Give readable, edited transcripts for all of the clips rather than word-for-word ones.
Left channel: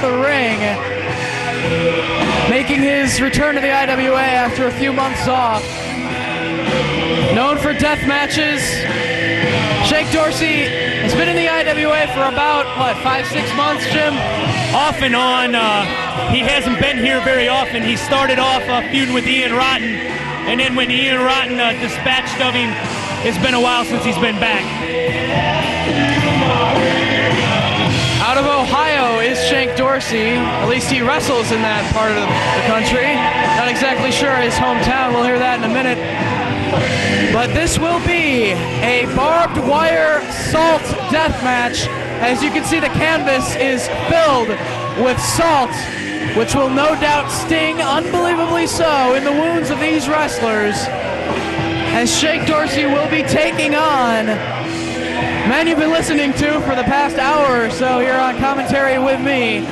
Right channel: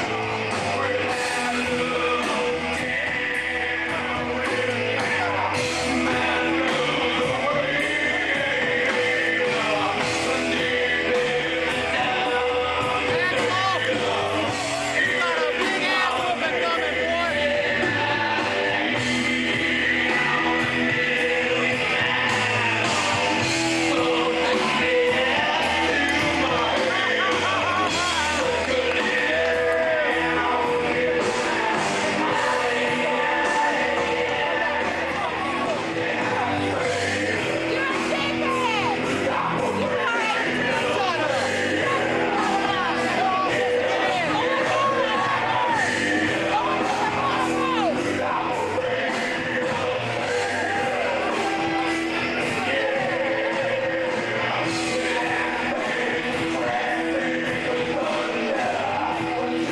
the ring, making his return to the IWA after a few months off. Known for death matches, Shank Dorsey has been in the IWA for about, what, 5-6 months, Jim? Off and on. He hasn't been here very often. He started off a feud with Ian Rotten, and then when Ian Rotten dispatched of him, it's been a while since he's been back. Out of Ohio is Shank Dorsey. At least he wrestles in that part of the country. Not exactly sure his hometown. We'll hear that in a minute. But this will be a barbed wire salt death match. As you can see, the canvas is filled with salt, which will no doubt sting unbelievably so in the wounds of these wrestlers. As Shank Dorsey will be taking on man you've been listening to for the past hour or so here on commentary with me,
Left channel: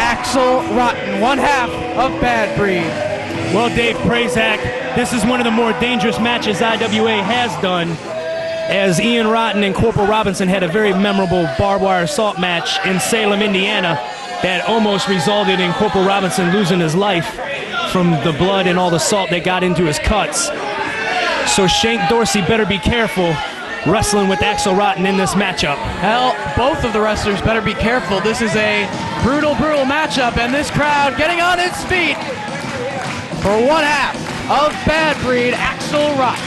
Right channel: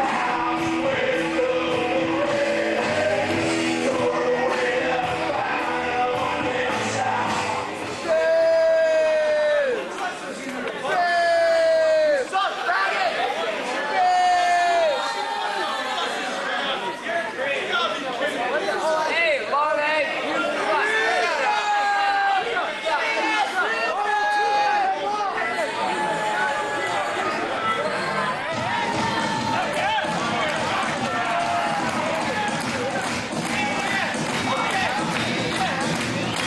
Axl Rotten, one half of Bad Breed. Well, Dave Prazak, this is one of the more dangerous matches IWA has done, as Ian Rotten and Corporal Robinson had a very memorable barbed wire assault match in Salem, Indiana, that almost resulted in Corporal Robinson losing his life from the blood and all the salt that got into his cuts. So Shank Dorsey better be careful wrestling with Axl Rotten in this matchup. Hell, both of the wrestlers better be careful. This is a brutal, brutal matchup, and this crowd getting on its feet for one half of Bad Breed, Axl Rotten.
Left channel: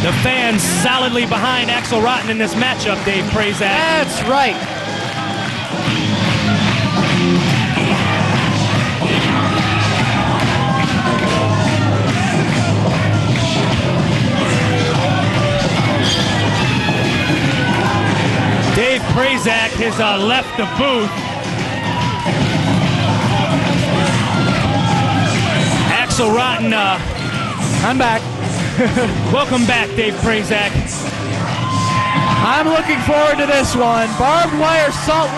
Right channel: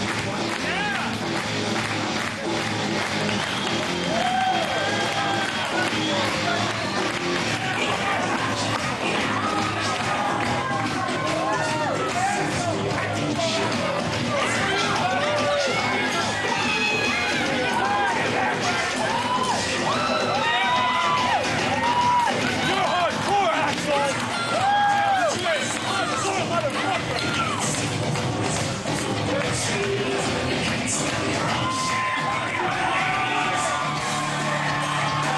The fans solidly behind Axl Rotten in this matchup, Dave Prazak. That's right. Dave Prazak has left the booth. Axl Rotten, I'm back. welcome back, Dave Prazak. I'm looking forward to this one. Barbed wire salt.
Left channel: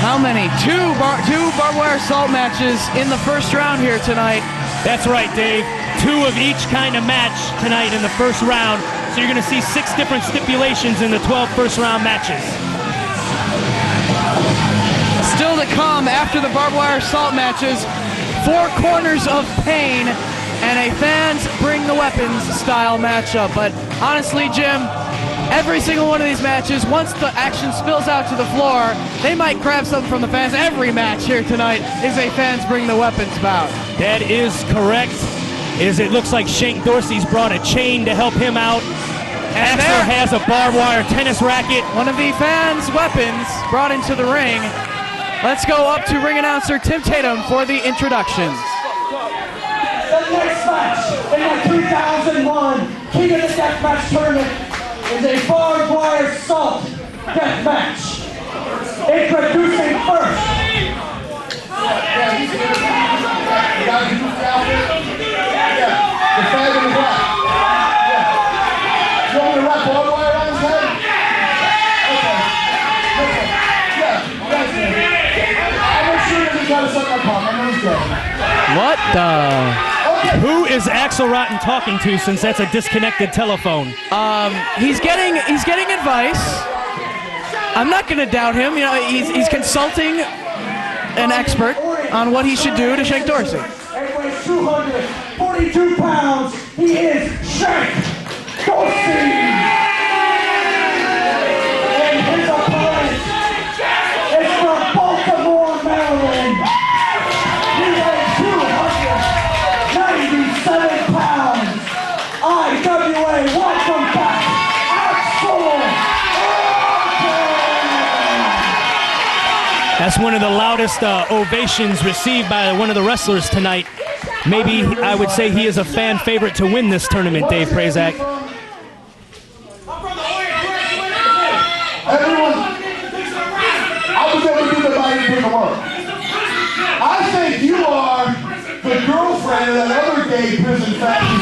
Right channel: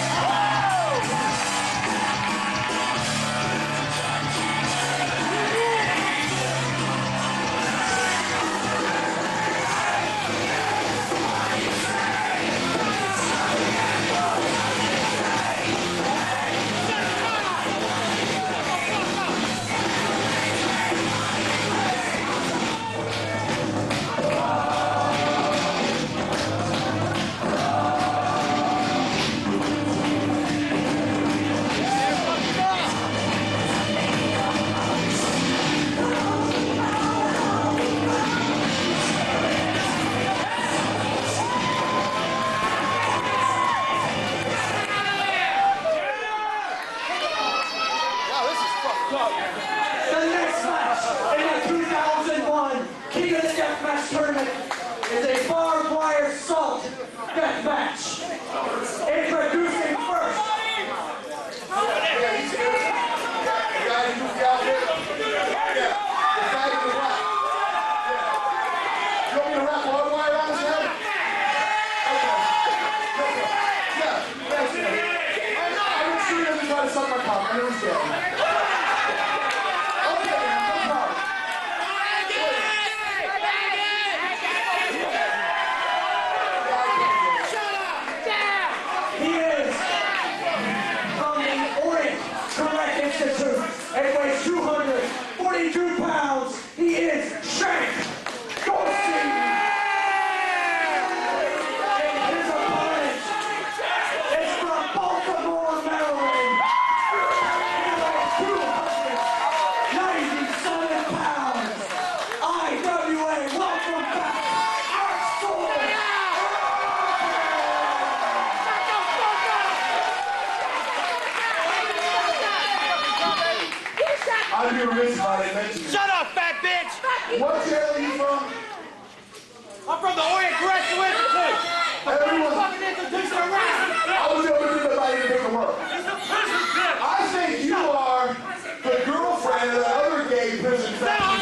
How many? Two barbed wire salt matches in the first round here tonight. That's right, Dave. 2 of each kind of match tonight in the first round. So you're going to see 6 different stipulations in the 12 first round matches. Still to come after the barbed wire salt matches, 4 corners of pain and a fans bring the weapons style matchup. But honestly, Jim, every single one of these matches, once the action spills out to the floor, they might grab something from the fans. Every match here tonight is a fans bring the weapons bout. That is correct. It looks like Shank Dorsey's brought a chain to help him out. Axl has a barbed wire tennis racket. One of the fans' weapons brought into the ring. Let's go up to ring announcer Tim Tatum for the introductions. The next match in the 2001 King of the Death Match Tournament is a barbed wire salt death match. Introducing first. The fag in the black. You want me to wrap barbed wire around his head? Okay. Yeah, that's it. I'm sure you're trying to suck my cock. I know he's gay. What the? Who is Axl Rotten talking to, since that's a disconnected telephone? He's getting advice. I'm not going to doubt him. You know, he's consulting an expert on what he should do to Shank Dorsey. He weighs 242 pounds. He is Shank Dorsey. And his opponent is from Baltimore, Maryland. He weighs 297 pounds. IWA, welcome back, Axl Rotten. That's one of the loudest ovations received by one of the wrestlers tonight. Maybe I would say he is a fan favorite to win this tournament, Dave Prazak. I'm from the Orient graduate. Everyone, I was able to do that by any paperwork. I think you are the girlfriend of that other gay prison fat you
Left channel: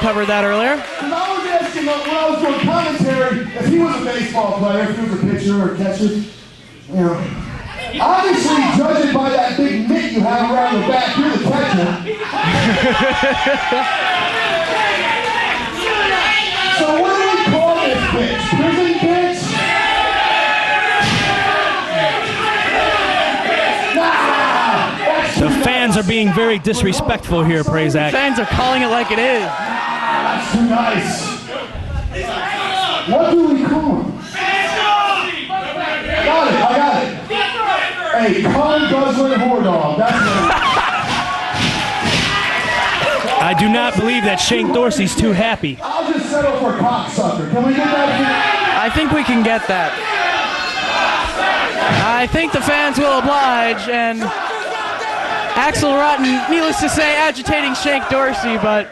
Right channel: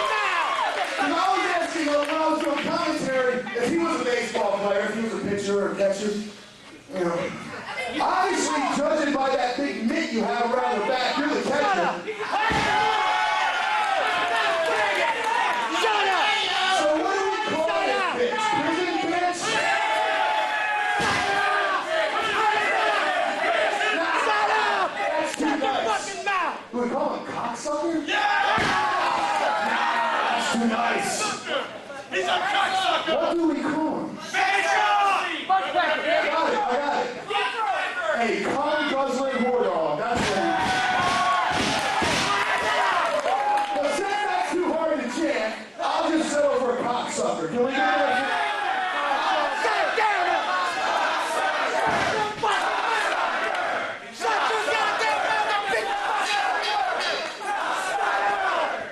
covered that earlier. Because I was asking when I was doing commentary if he was a baseball player, if he was a pitcher or a catcher. You know, obviously, judging by that big mitt you have around the back, you're the catcher. So what do we call this bitch? Prison bitch? The fans are being very disrespectful here, Prazak. Fans are calling it like it is. That's too nice. What do we call him? Got it, I got it. Hey, cum guzzling whore dog. That's what it is. I do not believe that Shank Dorsey's too happy. I'll just settle for cocksucker. Can we get that? I think we can get that. I think the fans will oblige, and Axl Rotten, needless to say, agitating Shank Dorsey, but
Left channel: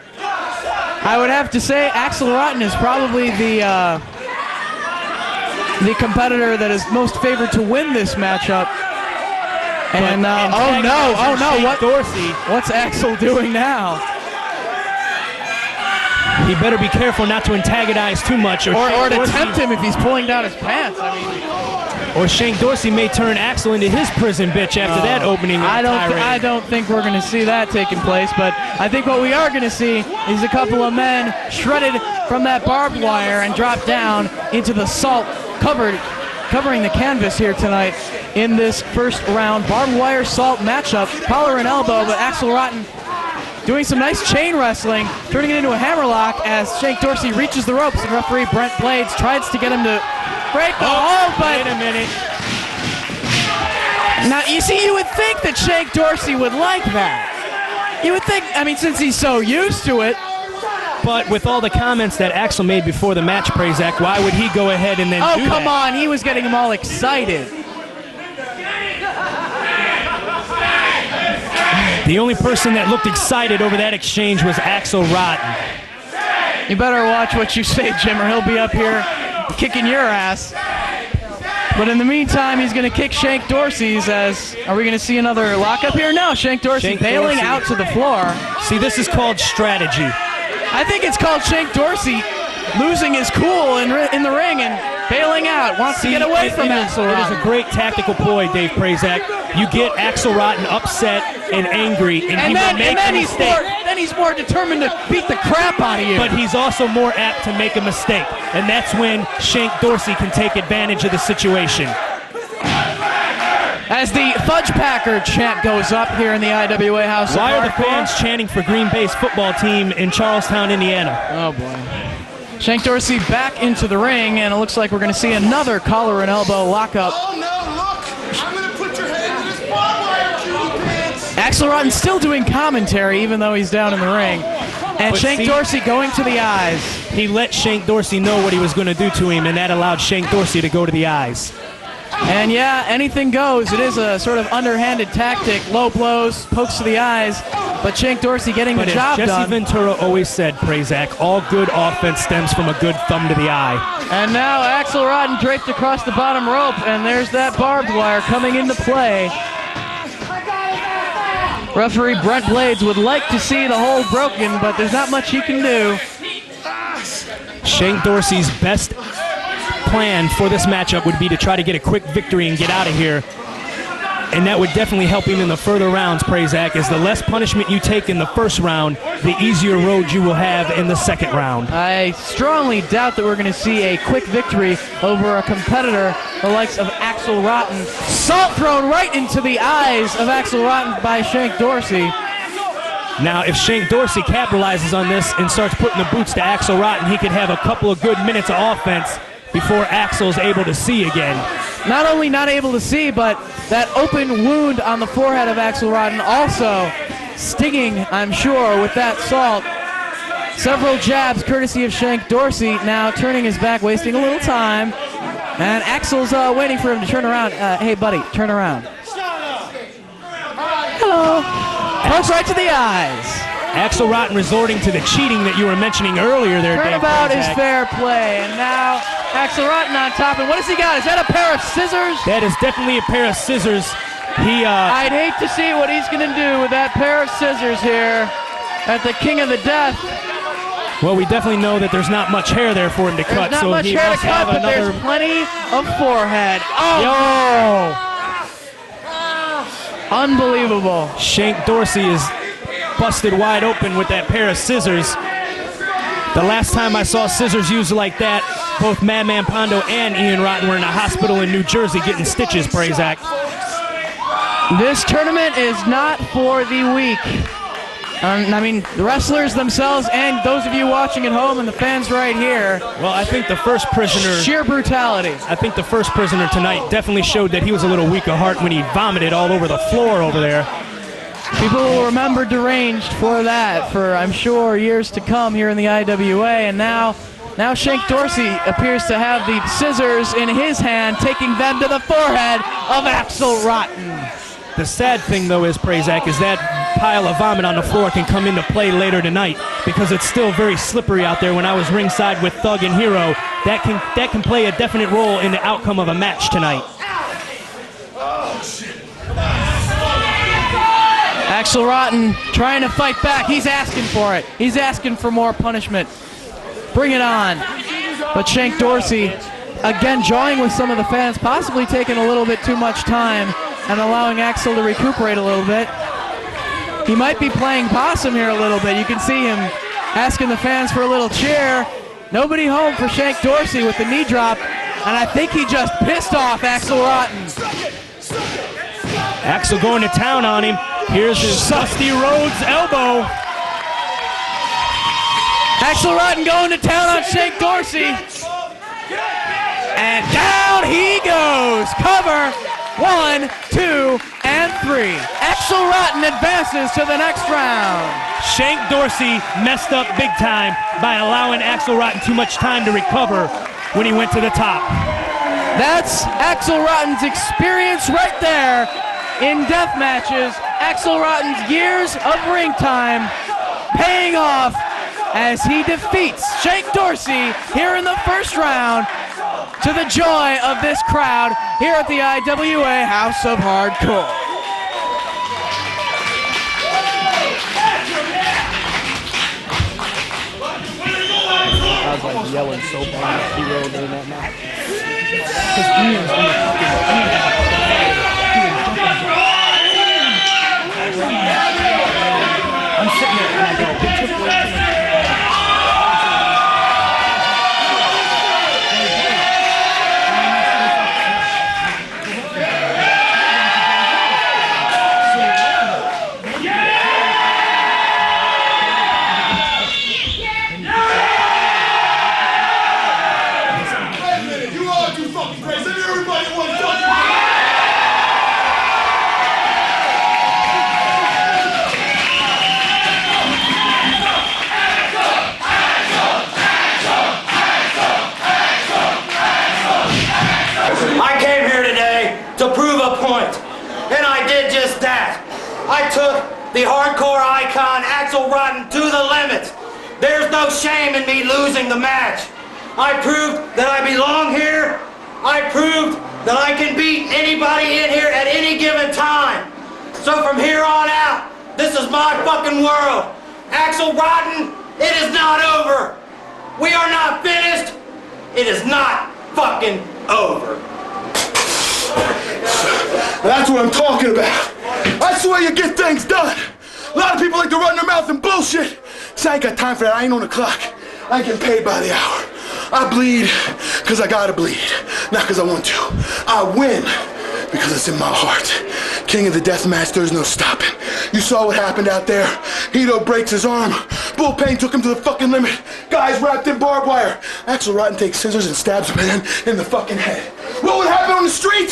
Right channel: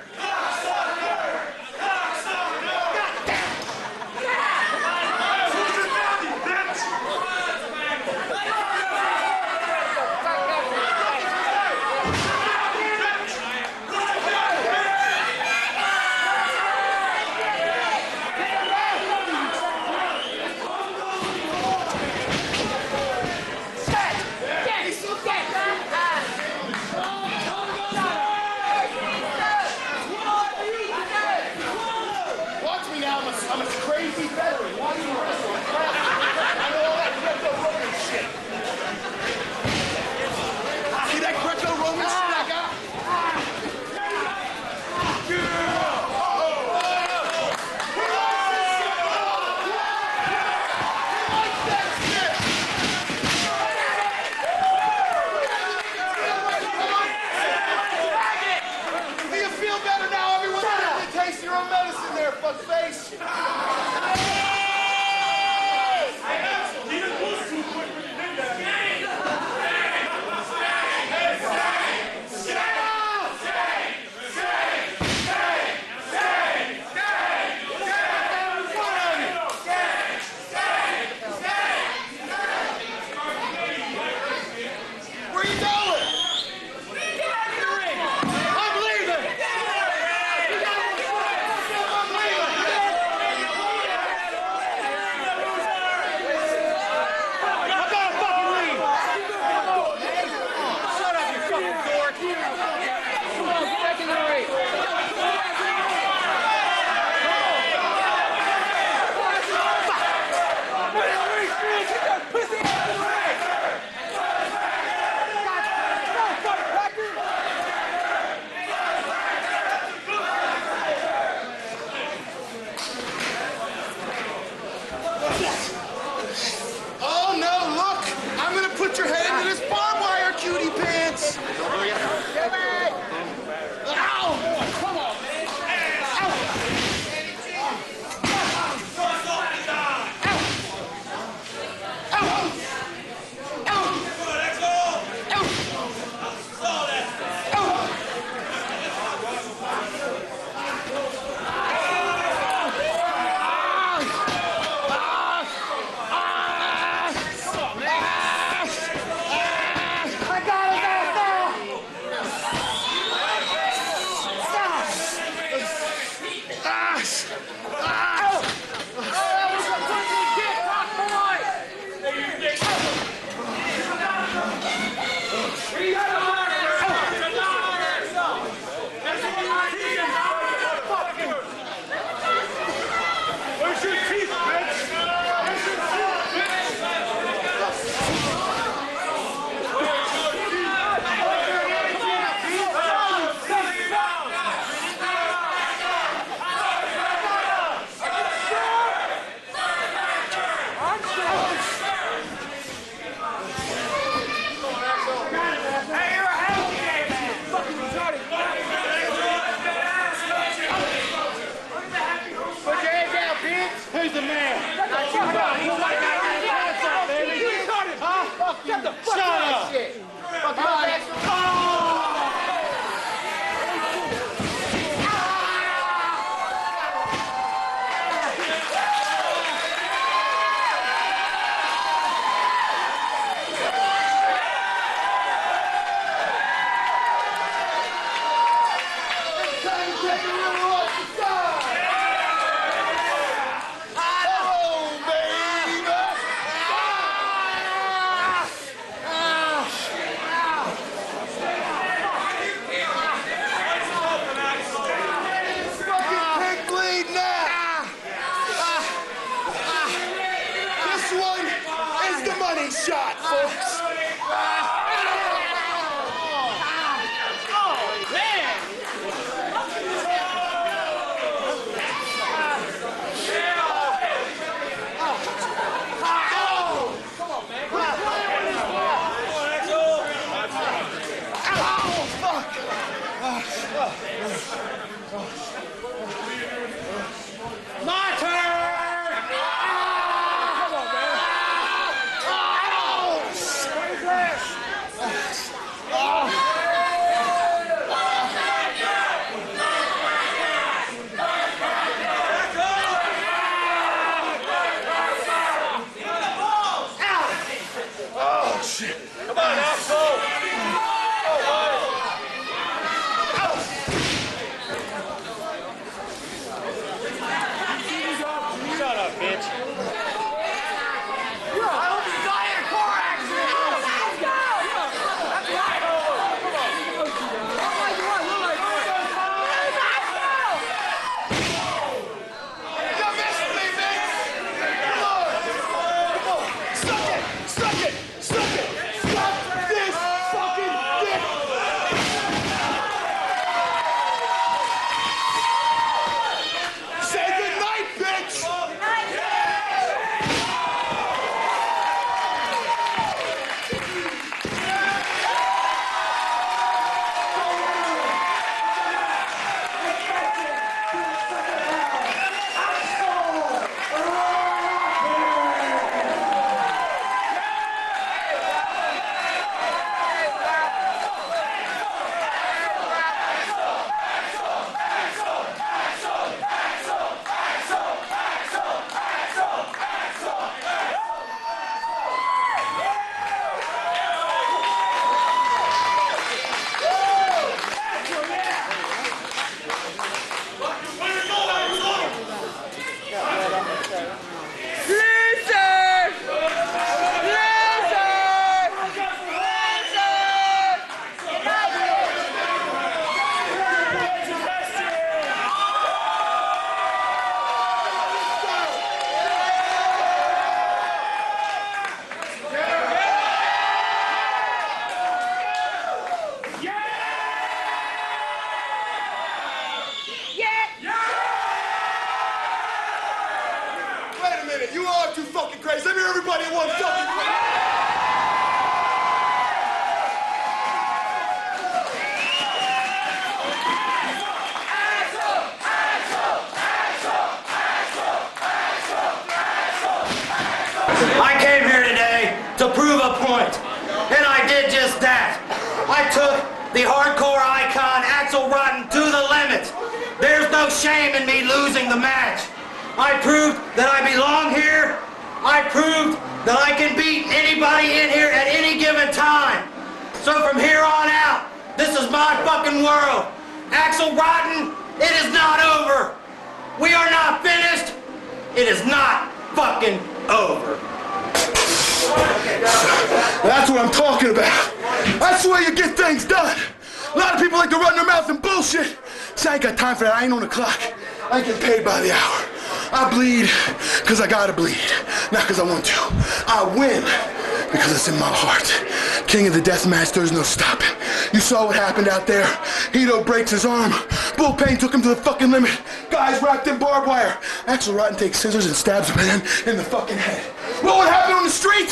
I would have to say Axl Rotten is probably the competitor that is most favored to win this matchup. And oh no, what's Axl doing now? He better be careful not to antagonize too much, or to tempt him if he's pulling down his pants. Or Shank Dorsey may turn Axl into his prison bitch after that opening. I don't think we're going to see that taking place, but I think what we are going to see is a couple of men shredded from that barbed wire and dropped down into the salt, covering the canvas here tonight in this first round barbed wire salt matchup. Collar and elbow, but Axl Rotten doing some nice chain wrestling, turning it into a hammerlock as Shank Dorsey reaches the ropes, and referee Brent Blades tries to get him to break the hold, but wait a minute. Now, you see, you would think that Shank Dorsey would like that. You would think, I mean, since he's so used to it. But with all the comments that Axl made before the match, Prazak, why would he go ahead and then do that? Oh, come on, he was getting them all excited. The only person that looked excited over that exchange was Axl Rotten. You better watch what you say, Jim, or he'll be up here kicking your ass. But in the meantime, he's going to kick Shank Dorsey's as... Are we going to see another lockup here? No, Shank Dorsey bailing out to the floor. See, this is called strategy. I think it's called Shank Dorsey losing his cool in the ring and bailing out. Wants to get away from Axl Rotten. It is a great tactical ploy, Dave Prazak. You get Axl Rotten upset and angry, and he will make a mistake. Then he's more determined to beat the crap out of you. But he's also more apt to make a mistake, and that's when Shank Dorsey can take advantage of the situation. As the Fudge Packer chant goes up here in the IWA House. Why are the fans chanting for Green Bay's football team in Charlestown, Indiana? Oh, boy. Shank Dorsey back into the ring, and it looks like we're going to see another collar and elbow lockup. Oh no, look! I'm gonna put your head into this barbed wire, cutie pants! Axl Rotten still doing commentary, even though he's down in the ring. And Shank Dorsey going to the eyes. He let Shank Dorsey know what he was going to do to him, and that allowed Shank Dorsey to go to the eyes. And yeah, anything goes. It is a sort of underhanded tactic. Low blows, pokes to the eyes, but Shank Dorsey getting the job done. Jesse Ventura always said, Prazak, all good offense stems from a good thumb to the eye. And now Axl Rotten draped across the bottom rope, and there's that barbed wire coming into play. Referee Brent Blades would like to see the hold broken, but there's not much he can do. Shank Dorsey's best plan for this matchup would be to try to get a quick victory and get out of here. And that would definitely help him in the further rounds, Prazak, as the less punishment you take in the first round, the easier road you will have in the second round. I strongly doubt that we're going to see a quick victory over a competitor the likes of Axl Rotten. Salt thrown right into the eyes of Axl Rotten by Shank Dorsey. Now, if Shank Dorsey capitalizes on this and starts putting the boots to Axl Rotten, he could have a couple of good minutes of offense before Axl's able to see again. Not only not able to see, but that open wound on the forehead of Axl Rotten also stinging, I'm sure, with that salt. Several jabs courtesy of Shank Dorsey, now turning his back, wasting a little time. And Axl's waiting for him to turn around. Hey, buddy, turn around. Hello. Pokes right to the eyes. Axl Rotten resorting to the cheating that you were mentioning earlier there, Dave. Turnabout is fair play. And now Axl Rotten on top. And what has he got? Is that a pair of scissors? That is definitely a pair of scissors. I'd hate to see what he's going to do with that pair of scissors here at the King of the Death. Well, we definitely know that there's not much hair there for him to cut, Not so much he hair to must cut, have but there's another. plenty of forehead. Oh! Unbelievable. Shank Dorsey is busted wide open with that pair of scissors. The last time I saw scissors used like that, both Madman Pondo and Ian Rotten were in a hospital in New Jersey getting stitches, Prazak. This tournament is not for the weak. I mean, the wrestlers themselves and those of you watching at home and the fans right here. Well, I think the first prisoner... Sheer brutality. I think the first prisoner tonight definitely showed that he was a little weak of heart when he vomited all over the floor over there. People will remember Deranged for that for, I'm sure, years to come here in the IWA. And now Shank Dorsey appears to have the scissors in his hand, taking them to the forehead of Axl Rotten. The sad thing, though, is, Prazak, is that pile of vomit on the floor can come into play later tonight because it's still very slippery out there. When I was ringside with Thug and Hero, that can play a definite role in the outcome of a match tonight. Oh, shit. Axl Rotten trying to fight back. He's asking for it. He's asking for more punishment. Bring it on. But Shank Dorsey, again, jawing with some of the fans, possibly taking a little bit too much time and allowing Axl to recuperate a little bit. He might be playing possum here a little bit. You can see him asking the fans for a little cheer. Nobody home for Shank Dorsey with the knee drop, and I think he just pissed off Axl Rotten. Axl going to town on him. Here's his Dusty Rhodes elbow. Axl Rotten going to town on Shank Dorsey. And down he goes. Cover. 1, 2, and 3. Axl Rotten advances to the next round. Shank Dorsey messed up big time by allowing Axl Rotten too much time to recover when he went to the top. That's Axl Rotten's experience right there in death matches. Axl Rotten's years of ring time paying off as he defeats Shank Dorsey here in the first round, to the joy of this crowd here at the IWA House of Hardcore. I came here today to prove a point, and I did just that. I took the hardcore icon Axl Rotten to the limit. There's no shame in me losing the match. I proved that I belong here. I proved that I can beat anybody in here at any given time. So from here on out, this is my fucking world. Axl Rotten, it is not over. We are not finished. It is not fucking over. That's what I'm talking about. That's the way you get things done. A lot of people like to run their mouth and bullshit. See, I ain't got time for that. I ain't on the clock. I get paid by the hour. I bleed because I gotta bleed, not because I want to. I win because it's in my heart. King of the death match, there's no stopping. You saw what happened out there. Hito breaks his arm. Bull Payne took him to the fucking limit. Guys wrapped in barbed wire. Axl Rotten takes scissors and stabs a man in the fucking head. What would happen on the street?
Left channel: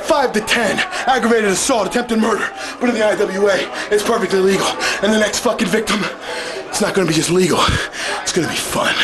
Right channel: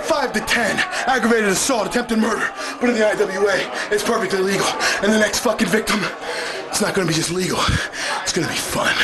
5 to 10, aggravated assault, attempted murder. But in the IWA, it's perfectly legal. And the next fucking victim, it's not gonna be just legal, it's gonna be fun.